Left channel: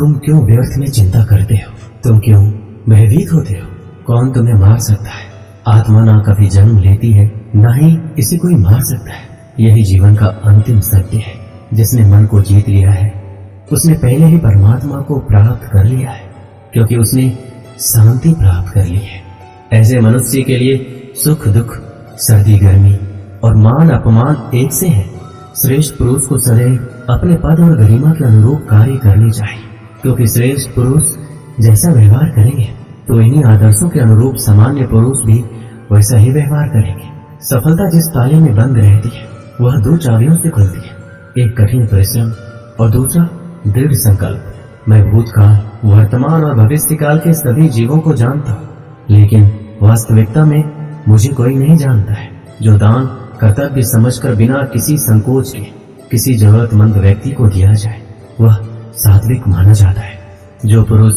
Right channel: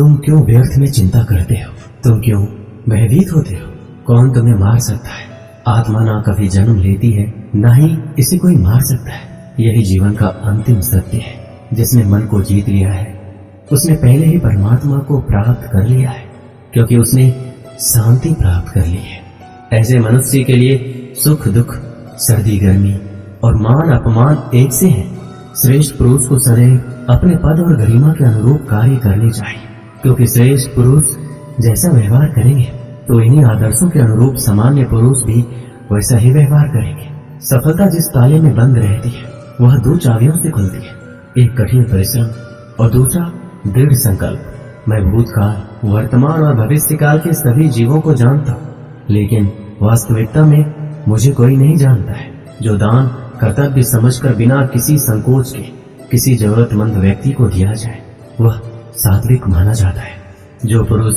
तुम क्यों व्यर्थ में चिंता करते हो? तुम क्यों भयभीत होते हो? कौन तुम्हें मार सकता है? आत्मा ना कभी जन्म लेती है, ना ही इसे कोई मार सकता है। यही जीवन का अंतिम सत्य है। जिसने मन को जीत लिया है उसने पहले ही परमात्मा को प्राप्त कर लिया है, क्योंकि उसने शांति प्राप्त कर ली है। ऐसे मनुष्य के लिए सुख दुख, सर्दी गर्मी और मान अपमान एक से है। श्रेष्ठ पुरुष को सदैव अपने पद और गरिमा के अनुरूप कार्य करने चाहिए, क्योंकि श्रेष्ठ पुरुष जैसा व्यवहार करेंगे तो इन्हीं आदर्शों के अनुरूप सामान्य पुरुष भी वैसा ही व्यवहार करेंगे। सफलता जिस ताले में बंद रहती है वह दो चाबियों से खुलती है, एक कठिन परिश्रम और दूसरा दृढ़ संकल्प। मैं भूतकाल, वर्तमान और भविष्य काल के सभी जीवों को जानता हूँ, लेकिन वास्तविकता में मुझे कोई नहीं जानता है। जो दान कर्तव्य समझकर बिना किसी संकोच के किसी जरूरतमंद व्यक्ति को दिया जाए वह सात्विक माना जाता है। जो पुरुष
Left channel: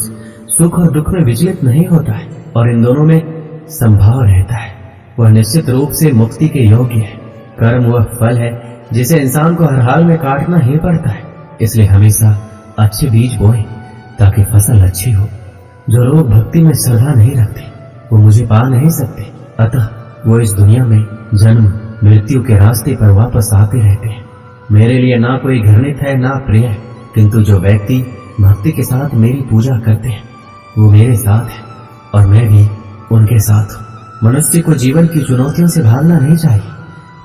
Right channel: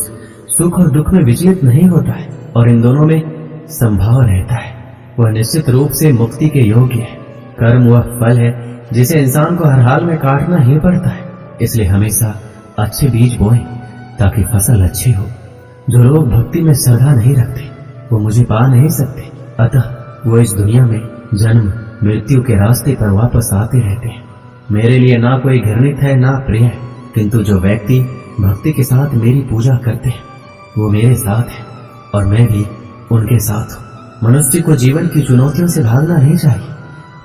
सुख और दुख में विचलित नहीं होता है और इन दोनों में संभाव रहता है वह निश्चित रूप से मुक्ति के योग्य है। कर्म वह फल है जिसे इंसान को हर हाल में काटना ही पड़ता है, इसलिए हमेशा अच्छे बीज बोएं ताकि फसल अच्छी हो। जो लोग भक्ति में श्रद्धा नहीं रखते वो मुझे पा नहीं सकते, अतः वो इस दुनिया में जन्म मृत्यु के रास्ते पर वापस आते रहते हैं। मेरे लिए ना कोई घृणित है ना प्रिय है, किंतु जो व्यक्ति भक्ति के साथ मेरी पूजा करते हैं वो मेरे साथ है और मैं भी उनके साथ हूँ। मनुष्य को जीवन की चुनौतियों से भागना नहीं चाहिए,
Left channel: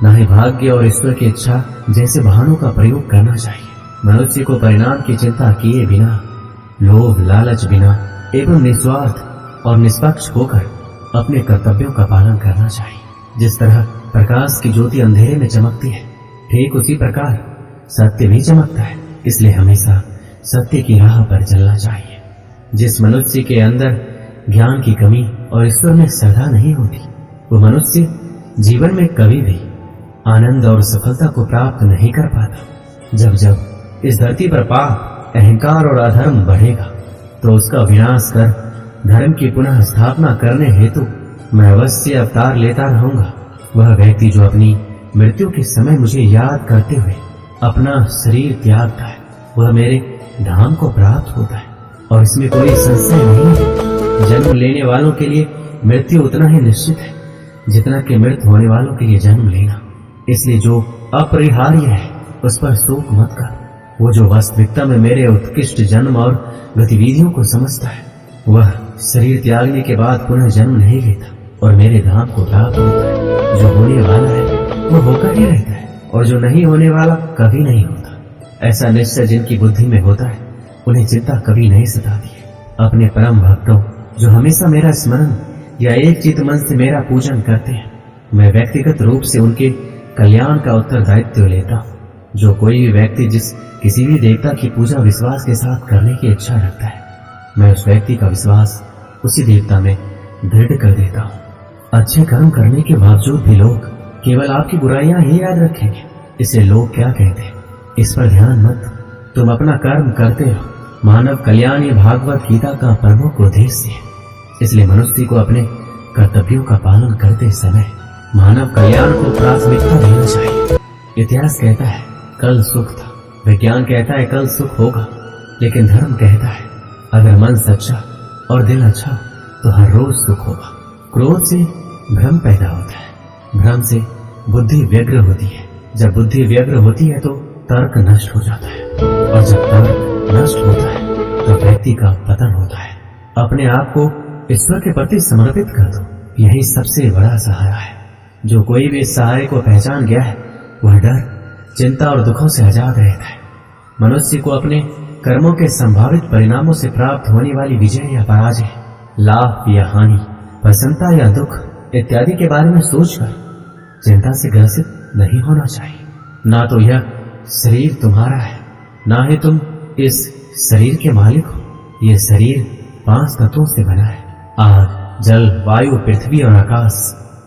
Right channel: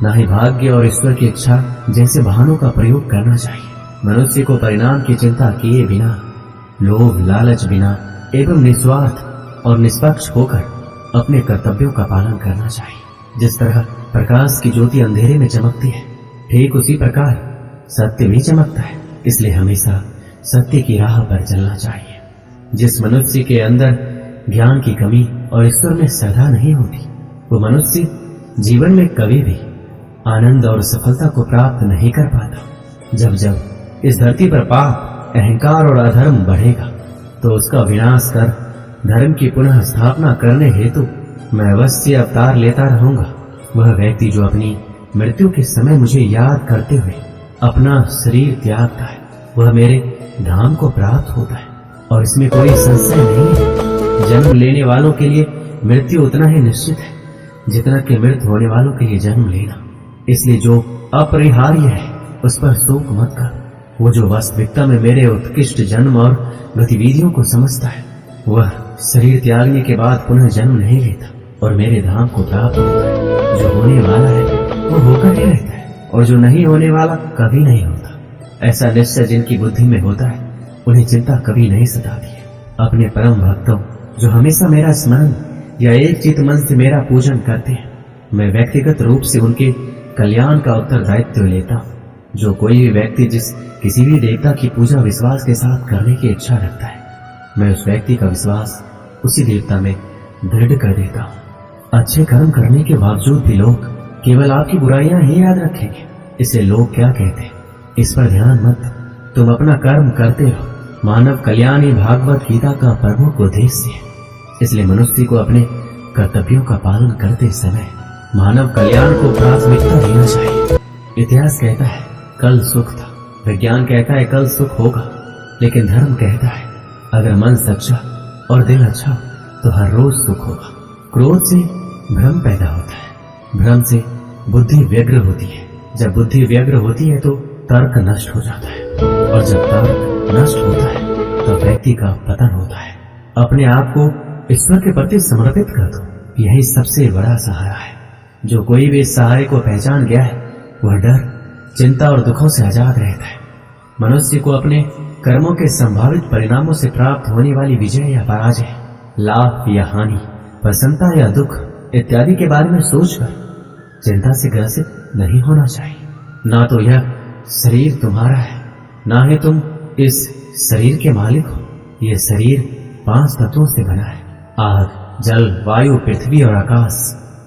ना ही भाग्य और ईश्वर की इच्छा जैसे बहानों का प्रयोग करना चाहिए। मनुष्य को परिणाम की चिंता किए बिना, लोभ लालच बिना एवं निस्वार्थ और निष्पक्ष होकर अपने कर्तव्यों का पालन करना चाहिए। जिस तरह प्रकाश की ज्योति अंधेरे में चमकती है, ठीक उसी प्रकार सत्य भी चमकता है, इसलिए हमेशा सत्य की राह पर चलना चाहिए। जिस मनुष्य के अंदर ज्ञान की कमी और ईश्वर में श्रद्धा नहीं होती वो मनुष्य जीवन में कभी भी आनंद और सफलता को प्राप्त नहीं कर पाता। जब जब इस धरती पर पाप, अहंकार और अधर्म बढ़ेगा तो उसका विनाश कर धर्म की पुनः स्थापना करने हेतु मैं अवश्य अवतार लेता रहूंगा। वह व्यक्ति जो अपनी मृत्यु के समय मुझे याद करते हुए अपना शरीर त्यागता है वह मेरे धाम को प्राप्त होता है और इसमें कोई संशय नहीं है। जन्म लेने वालों के लिए मृत्यु उतना ही निश्चित है जितना कि मृत होने वालों के लिए जन्म लेना। इसलिए जो अपरिहार्य है उस पर शोक मत कर। वो जो वास्तविकता में मेरे उत्कृष्ट जन्म और गतिविधियों को समझता है वह शरीर त्यागने के बाद पुनः जन्म नहीं लेता और मेरे धाम को प्राप्त होता है। जो होने वाला है वो होकर ही रहता है और जो नहीं होने वाला कभी नहीं होता। ऐसा निश्चय जिनकी बुद्धि में होता है उन्हें चिंता कभी नहीं सताती है। अपने परम भक्तों जो हमेशा मेरा स्मरण या एक चित्त मन से मेरा पूजन करते हैं, मैं व्यक्तिगत रूप से उनके कल्याण का उत्तरदायित्व लेता हूँ। जो कोई भी व्यक्ति किसी भी देवता की पूजा विश्वास के साथ करने की इच्छा रखता है, मैं उस व्यक्ति का विश्वास उसी देवता में दृढ़ कर देता हूँ। अच्छे कर्म करने के बावजूद भी लोग केवल आपकी बुराइयां ही याद रखेंगे। इससे लोग क्या कहते हैं इस पर ध्यान मत, तुम अपना कर्म करते रहो। मानव कल्याण ही भागवत गीता का प्रमुख उद्देश्य है। इसलिए मनुष्य को अपने कर्तव्यों का पालन करते समय मानव कल्याण को प्राथमिकता देना चाहिए। इतिहास कहता है कल सुख था, विज्ञान कहता है कल सुख होगा, लेकिन धर्म कहता है अगर मन सच्चा और दिल अच्छा तो हर रोज सुख होगा। क्रोध से भ्रम पैदा होता है, भ्रम से बुद्धि व्यग्र होती है, जब बुद्धि व्यग्र होती है तो तर्क नष्ट हो जाता है और जब तर्क नष्ट होता है तो व्यक्ति का पतन होता है। अपने आप को ईश्वर के प्रति समर्पित कर दो, यही सबसे बड़ा सहारा है। जो कोई भी इस सहारे को पहचान गया है वह डर, चिंता और दुखों से आजाद रहता है। मनुष्य को अपने कर्मों के संभावित परिणामों से प्राप्त होने वाली विजय या पराजय, लाभ या हानि, प्रसन्नता या दुख इत्यादि के बारे में सोचकर चिंता से ग्रसित नहीं होना चाहिए। ना तो यह शरीर तुम्हारा है, ना ही तुम इस शरीर के मालिक हो। यह शरीर 5 तत्वों से बना है, आग, जल, वायु, पृथ्वी और आकाश।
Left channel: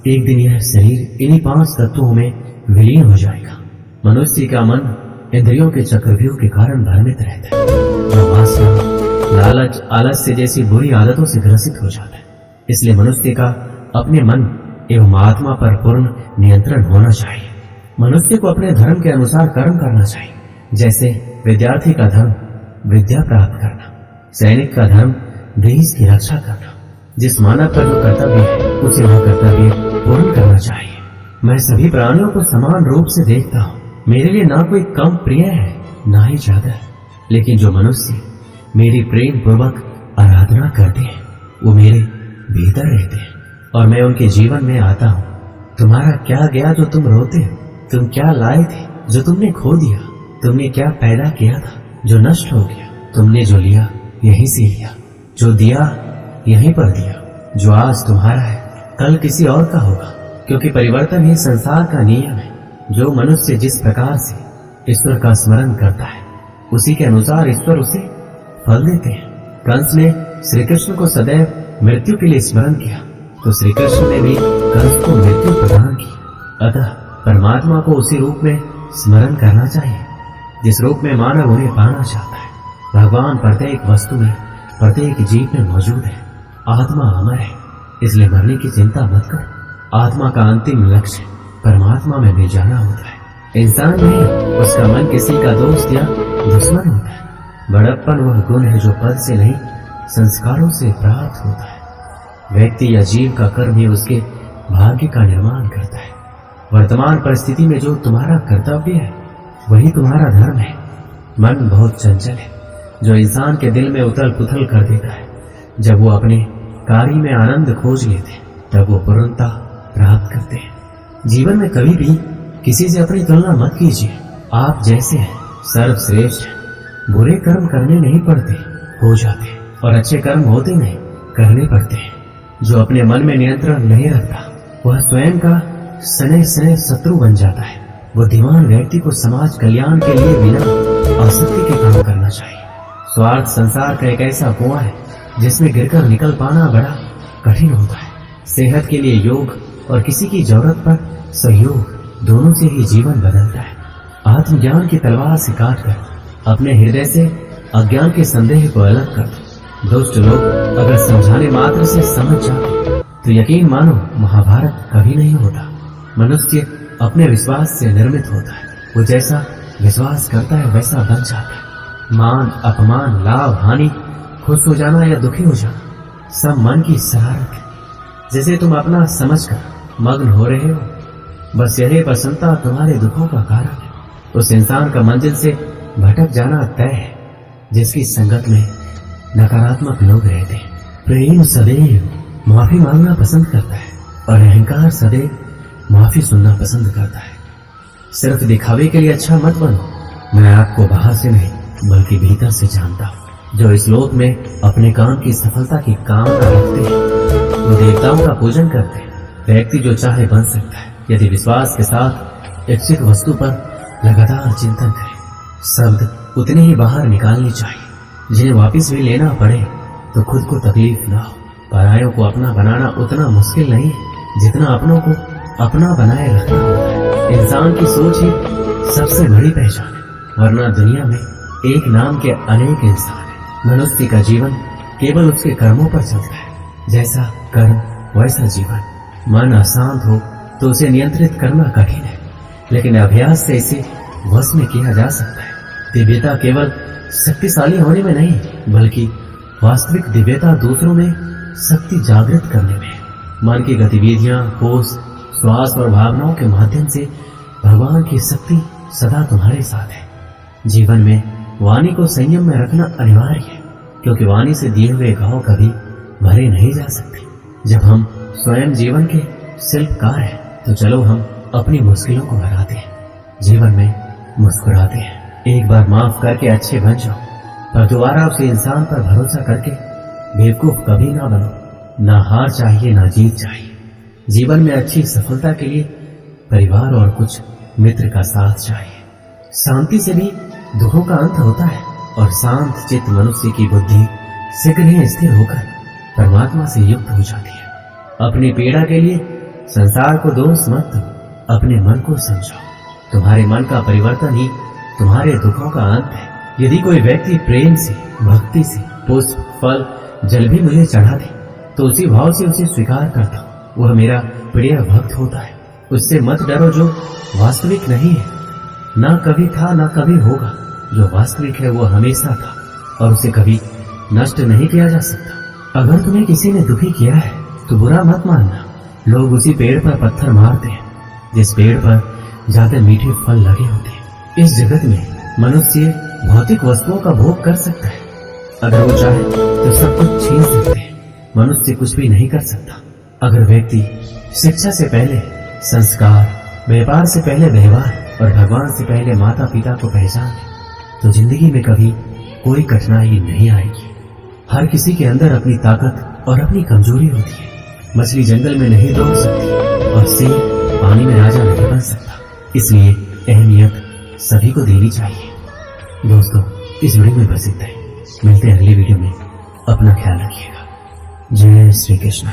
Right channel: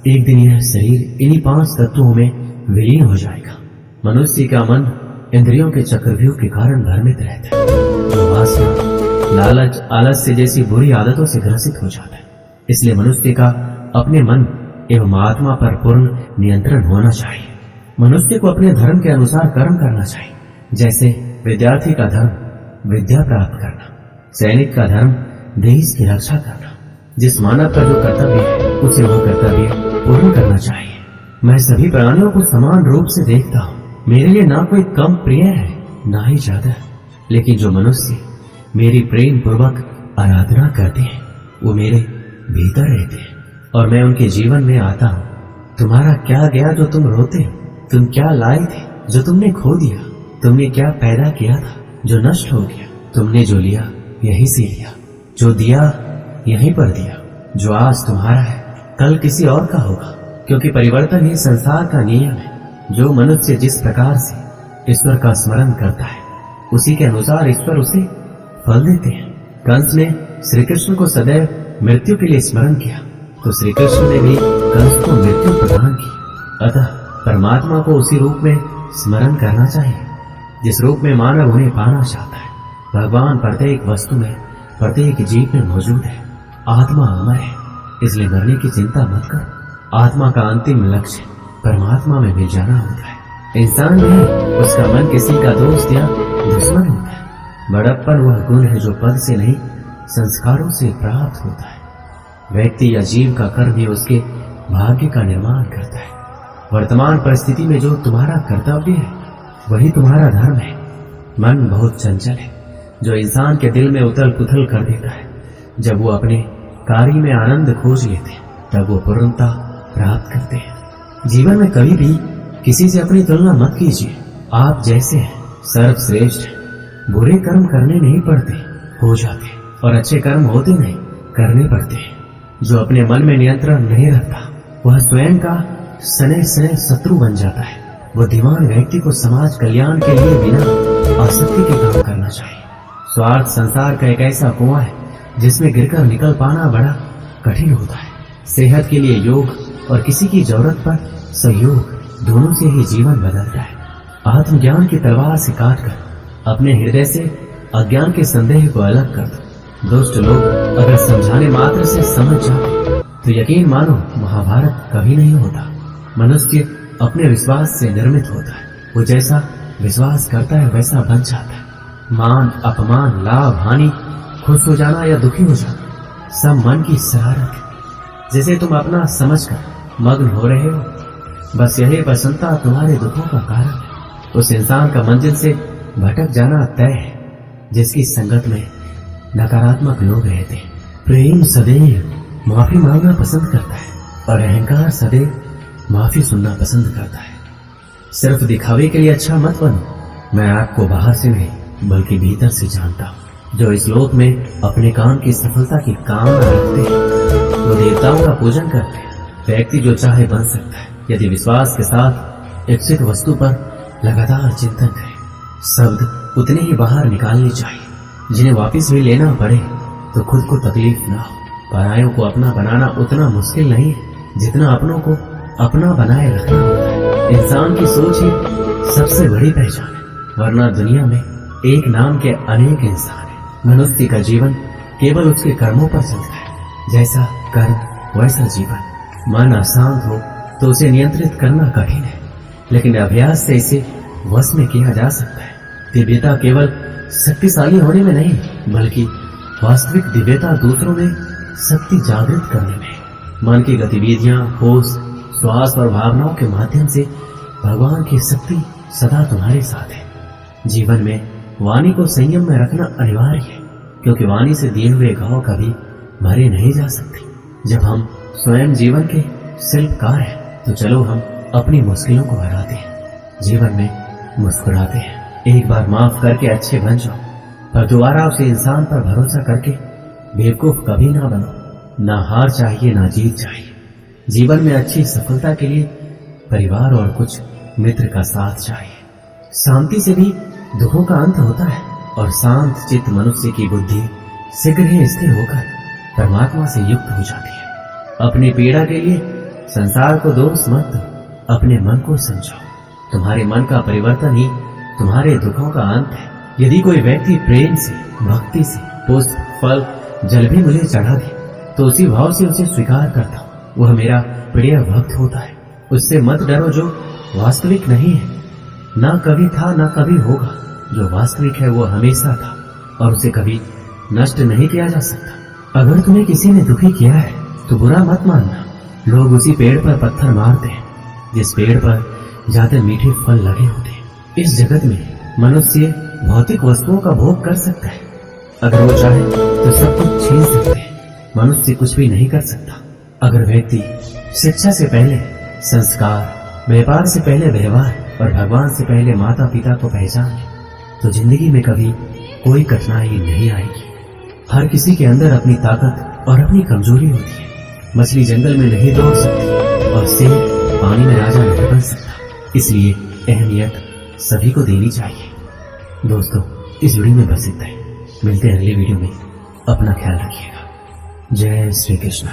एक दिन यह शरीर इन्हीं 5 तत्वों में विलीन हो जाएगा। मनुष्य का मन इंद्रियों के चक्रव्यूह के कारण भ्रमित रहता है, जो वासना, लालच, आलस्य जैसी बुरी आदतों से ग्रसित हो जाता है। इसलिए मनुष्य का अपने मन एवं आत्मा पर पूर्ण नियंत्रण होना चाहिए। मनुष्य को अपने धर्म के अनुसार कर्म करना चाहिए। जैसे विद्यार्थी का धर्म विद्या प्राप्त करना, सैनिक का धर्म देश की रक्षा करना। जिस मानव का जो कर्तव्य है उसे वह कर्तव्य पूर्ण करना चाहिए। मैं सभी प्राणियों को समान रूप से देखता हूँ। मेरे लिए ना कोई कम प्रिय है ना ही ज्यादा, लेकिन जो मनुष्य मेरी प्रेम पूर्वक आराधना करते हैं वो मेरे भीतर रहते हैं और मैं उनके जीवन में आता हूँ। तुम्हारा क्या गया जो तुम रोते हो? तुम क्या लाए थे जो तुमने खो दिया? तुमने क्या पैदा किया था जो नष्ट हो गया? तुमने जो लिया यहीं से लिया, जो दिया यहीं पर दिया। जो आज तुम्हारा है कल किसी और का होगा, क्योंकि परिवर्तन ही संसार का नियम है। जो मनुष्य जिस प्रकार से ईश्वर का स्मरण करता है उसी के अनुसार ईश्वर उसे फल देते हैं। कंस ने श्री कृष्ण को सदैव मृत्यु के लिए स्मरण किया तो श्री कृष्ण ने भी कंस को मृत्यु प्रदान की। अतः परमात्मा को उसी रूप में स्मरण करना चाहिए जिस रूप में मानव उन्हें पाना चाहता है। भगवान प्रत्येक वस्तु में, प्रत्येक जीव में मौजूद है। आत्मा अमर है, इसलिए मरने की चिंता मत करो। आत्मा का अंतिम लक्ष्य परमात्मा में मिल जाना होता है। इंसान नहीं, उसका मन किसी का दोस्त या दुश्मन होता है। बड़प्पन वह गुण है जो पद से नहीं संस्कारों से प्राप्त होता है। व्यक्ति या जीव का कर्म ही उसके भाग्य का निर्माण करता है। वर्तमान परिस्थिति में जो तुम्हारा कर्तव्य है वही तुम्हारा धर्म है। मन बहुत चंचल है जो इंसान के दिल में उथल पुथल कर देता है। जब वो अपने कार्य में आनंद खोज लेते तब वो पूर्णता प्राप्त करते हैं। जीवन में कभी भी किसी से अपनी तुलना मत कीजिए। आप जैसे हैं सर्वश्रेष्ठ हैं। बुरे कर्म करने नहीं पड़ते, हो जाते, और अच्छे कर्म होते नहीं, करने पड़ते हैं। जो अपने मन में नियंत्रण नहीं रखता वह स्वयं का सने सने शत्रु बन जाता है। बुद्धिमान व्यक्ति को समाज कल्याण के लिए बिना आसक्ति के काम करना चाहिए। स्वार्थ संसार का एक ऐसा कुआं है जिसमें गिरकर निकल पाना बड़ा कठिन होता है। सेहत के लिए योग और किसी की जरूरत पर सहयोग, दोनों से ही जीवन बदलता है। आत्मज्ञान की तलवार से काटकर अपने हृदय से अज्ञान के संदेह को अलग कर दो। दुष्ट लोग अगर समझाने मात्र से समझ जाते तो यकीन मानो महाभारत कभी नहीं होता। मनुष्य अपने विश्वास से निर्मित होता है। वो जैसा विश्वास करता है वैसा बन जाता है। मान अपमान, लाभ हानि, खुश हो जाना या दुखी हो जाना, सब मन की शरारत है। जैसे तुम अपना समझकर मग्न हो रहे हो, बस यही प्रसन्नता तुम्हारे दुखों का कारण है। उस इंसान का मंजिल से भटक जाना तय है जिसकी संगत में नकारात्मक लोग रहते हैं। प्रेम सदैव माफी मांगना पसंद करता है और अहंकार सदैव माफी सुनना पसंद करता है। सिर्फ दिखावे के लिए अच्छा मत बनो। मैं आपको बाहर से नहीं बल्कि भीतर से जानता हूँ। जो इस लोक में अपने काम की सफलता की कामना रखते हैं वो देवताओं का पूजन करते हैं। व्यक्ति जो चाहे बन सकता है यदि विश्वास के साथ इच्छित वस्तु पर लगातार चिंतन करे। शब्द उतने ही बाहर निकालने चाहिए जिन्हें वापस भी लेना पड़े तो खुद को तकलीफ ना हो। परायों को अपना बनाना उतना मुश्किल नहीं है जितना अपनों को अपना बनाए रखना होता है। इंसान की सोच ही सबसे बड़ी पहचान है, वरना दुनिया में एक नाम के अनेक इंसान हैं। मनुष्य का जीवन केवल उसके कर्मों पर चलता है। जैसा कर्म वैसा जीवन। मन अशांत हो तो उसे नियंत्रित करना कठिन है, लेकिन अभ्यास से इसे वश में किया जा सकता है। दिव्यता केवल शक्तिशाली होने में नहीं बल्कि वास्तविक दिव्यता दूसरों में शक्ति जागृत करने में है। मन की गतिविधियां, होश, श्वास और भावनाओं के माध्यम से भगवान की शक्ति सदा तुम्हारे साथ है। जीवन में वाणी को संयम में रखना अनिवार्य है, क्योंकि वाणी से दिए हुए घाव कभी भरे नहीं जा सकते। जब हम स्वयं जीवन के शिल्पकार हैं तो चलो हम अपनी मुश्किलों को हराते हैं, जीवन में मुस्कुराते हैं। एक बार माफ करके अच्छे बन जाओ, पर दोबारा उसे इंसान पर भरोसा करके बेवकूफ कभी ना बनो। ना हार चाहिए ना जीत चाहिए। जीवन में अच्छी सफलता के लिए परिवार और कुछ मित्र का साथ चाहिए। शांति से भी दुखों का अंत होता है और शांत चित्त मनुष्य की बुद्धि शीघ्र ही स्थिर होकर परमात्मा से युक्त हो जाती है। अपनी पीड़ा के लिए संसार को दोष मत दो, अपने मन को समझो। तुम्हारे मन का परिवर्तन ही तुम्हारे दुखों का अंत है। यदि कोई व्यक्ति प्रेम से, भक्ति से पुष्प, फल, जल भी मुझे चढ़ा दे तो उसी भाव से उसे स्वीकार करता हूँ। वह मेरा प्रिय भक्त होता है। उससे मत डरो जो वास्तविक नहीं है। ना कभी था ना कभी होगा। जो वास्तविक है वो हमेशा था और उसे कभी नष्ट नहीं किया जा सकता। अगर तुम्हें किसी ने दुखी किया है तो बुरा मत मानना। लोग उसी पेड़ पर पत्थर मारते हैं जिस पेड़ पर ज्यादा मीठे फल लगे होते हैं। इस जगत में मनुष्य भौतिक वस्तुओं का भोग कर सकता है। अगर वो चाहे तो सब कुछ छीन सकते हैं। मनुष्य कुछ भी नहीं कर सकता। अगर व्यक्ति शिक्षा से पहले संस्कार, व्यापार से पहले व्यवहार और भगवान से पहले माता पिता को पहचान ले तो जिंदगी में कभी कोई कठिनाई नहीं आएगी। हर किसी के अंदर अपनी ताकत और अपनी कमजोरी होती है। मछली जंगल में नहीं दौड़ सकती और सिंह पानी में राजा नहीं बन सकता। इसलिए अहमियत सभी को देनी चाहिए। दोस्तों, इस वीडियो में बस इतना ही। मिलते हैं अगली वीडियो में। अपना ख्याल रखिएगा। जय श्री कृष्ण।